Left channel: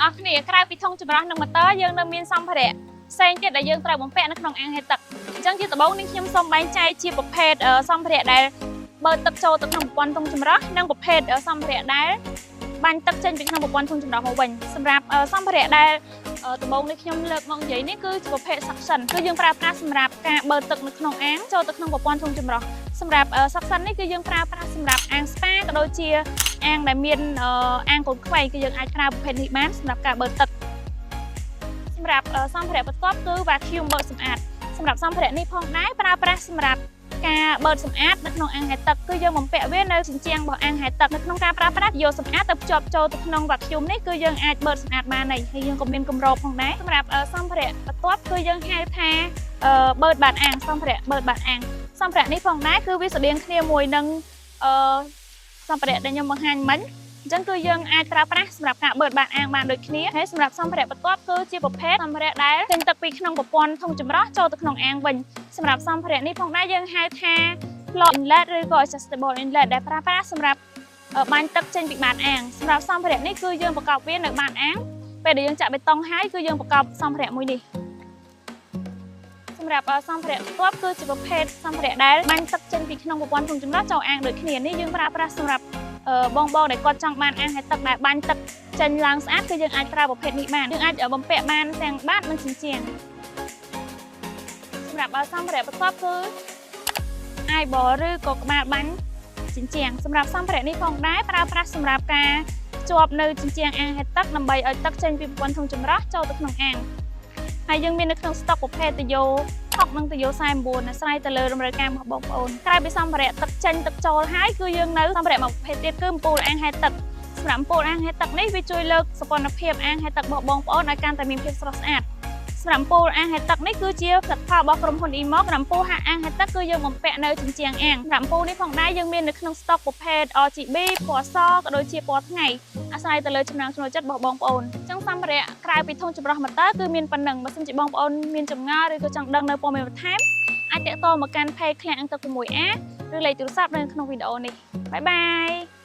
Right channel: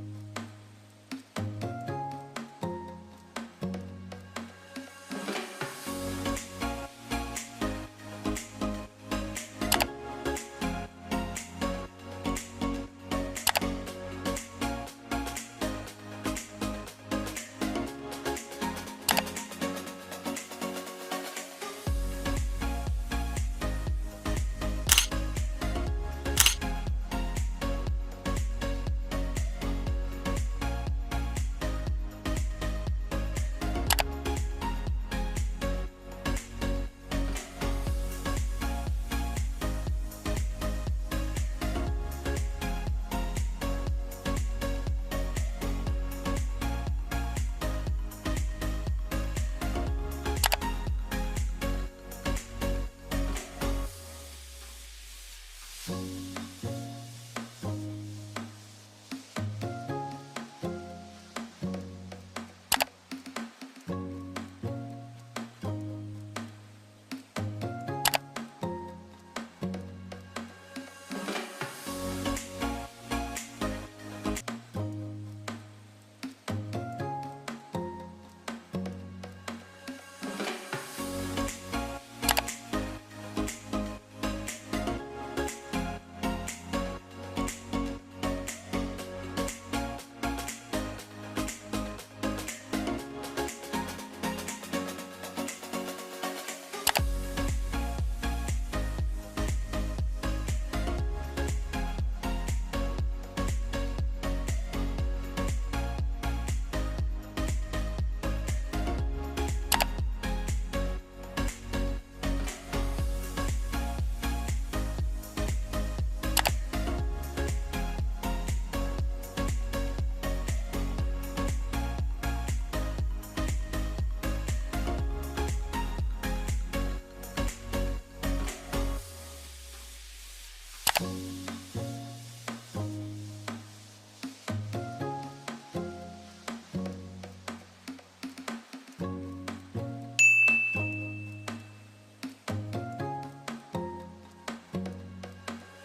ទាំងអស់គ្នាក្រៅពីធុងចម្រោះនិងម៉ូទ័រយើងនៅមានសម្ភារៈផ្សេងទៀតដែលយើងត្រូវបំពាក់នៅក្នុងអាងហែលទឹកអញ្ចឹងជាដំបូងនេះខ្ញុំសូមបែងចែកជាប្រភេទសម្ភារៈដែលបើទឹកចូលទៅក្នុងប្រព័ន្ធធុងចម្រោះនិងប្រភេទសម្ភារៈដែលបាញ់ទឹកចេញពីក្នុងប្រព័ន្ធធុងចម្រោះមកវិញសម្រាប់សម្ភារៈដែលដំបូងនេះខ្ញុំលើកមកនិយាយនេះគឺជាប្រភេទ suction គឺយើងប្រើប្រាស់សម្រាប់ការបើទឹកនៅក្នុងអាងចូលទៅក្នុងប្រព័ន្ធធុងចម្រោះសម្រាប់ suction នេះគឺយើងប្រើប្រាស់សម្រាប់អាង spa ក៏ដូចជាអាងដែលមានអាងកូនខ្វៃគឺយើងអាចប្រើប្រភេទនេះបានសម្រាប់ការបើទឹកសម្រាប់សម្ភារៈបន្ទាប់គឺ vacuum បើកសម្អាតសម្រាប់សម្ភារៈនេះផងដែរប្រើប្រាស់សម្រាប់ការបើកសម្អាតនៅក្នុងអាងហែលទឹកគឺយើងបំពាក់វានៅជញ្ជាំងរបស់អាងហែលទឹកនៅក្នុងការប្រើប្រាស់យកសម្អាតទៅភ្ជាប់ចូលទៅក្នុង vacuum នេះគឺយើងអាចបើកសម្អាតបានហើយយើងក៏មានគម្របផងដែរសម្រាប់សម្ភារៈបន្ទាប់គឺយើងហៅថាបើកបាតអាងសម្ភារៈបើកបាតអាងសម្ភារៈនេះផងដែរគឺវាស្រដៀងគ្នាមួយនឹងសម្ភារៈដែលខ្ញុំបង្ហាញមិញអញ្ចឹងគឺយើងអាចប្រើប្រាស់សម្រាប់ការបើកបាតអាងបានដូចគ្នាហើយសម្រាប់សម្ភារៈបន្ទាប់គឺជាប្រភេទសម្ភារៈដែលចេញទឹកពីក្នុងប្រព័ន្ធធុងចម្រោះចូលទៅក្នុងអាងវិញសម្រាប់សម្ភារៈនេះផងដែរយើងហៅថា flow inlet ឬក៏ adjustable inlet ដែលប្រើប្រាស់សម្រាប់បាញ់ទឹកចេញពីបាតអាងសម្រាប់សម្ភារៈនេះគឺយើងប្រកបវានៅបាតអាងពេលដែលយើងចាក់បេតុងហើយគឺយើងប្រកបសម្ភារៈមួយនេះសម្រាប់សម្ភារៈបន្ទាប់គឺជាប្រភេទសម្ភារៈដែលបាញ់ទឹកចេញពីក្នុងប្រព័ន្ធធុងចម្រោះចូលអាងដូចគ្នានេះយើងប្រើប្រាស់សម្រាប់បងដែលគាត់ចង់បានអាងហែលទឹកដែលបាញ់ទឹកចេញឡើងស្អាតគឺយើងអាចប្រើប្រភេទនេះបានយើងអាចបំពាក់បានទាំងបាតនិងជញ្ជាំងសម្រាប់សម្ភារៈបន្ទាប់គឺ eyeball ឬក៏ក្បាលបាញ់ជញ្ជាំងសម្រាប់សម្ភារៈនេះផងដែរប្រើប្រាស់សម្រាប់ការភ្ជាប់នៅជញ្ជាំងអាងហែលទឹកដើម្បីឲ្យទឹកចេញពីប្រព័ន្ធធុងចម្រោះចូលទៅក្នុងអាងហើយយើងមាននៅក្នុងស្តុកប្រភេទតាយ៉ូ60និងតាយ៉ូ49អាស្រ័យទៅលើតម្រូវការរបស់បងប្អូនក្រៅពីសម្ភារៈទឹកចេញទឹកចូលហើយគឺយើងនៅសម្ភារៈមួយប្រភេទទៀតគឺអំពូលអាងហែលទឹកសម្រាប់អំពូលអាងហែលទឹកនេះវាជួយលើកសោភ័ណភាពអាងហែលទឹករបស់បងប្អូនឲ្យកាន់តែមានភាពស្រស់ស្អាតសម្រាប់អំពូលអាងហែលទឹកនេះគឺជាផលិតផលរបស់ក្រុមហ៊ុន Emo សម្រាប់អំពូលអាងហែលទឹកគឺយើងបំពាក់នៅជញ្ជាំងអាងសម្រាប់អំពូលនេះផងដែរយើងមាននៅក្នុងស្តុកប្រភេទ RGB ពណ៌សក៏ដូចជាពណ៌ថ្ងៃអាស្រ័យទៅលើចំណង់ចំណូលចិត្តរបស់បងប្អូនអញ្ចឹងសម្ភារៈក្រៅពីធុងចម្រោះម៉ូទ័រគឺមានប៉ុណ្ណឹងបើសិនជាបងប្អូនមានចម្ងល់ឬក៏ចង់ដឹងនៅព័ត៌មានបន្ថែមអាចទាក់ទងមកកាន់ page ឃ្លាំងទឹក 6A ឬលេខទូរស័ព្ទនៅក្នុងវីដេអូនេះបាយបាយ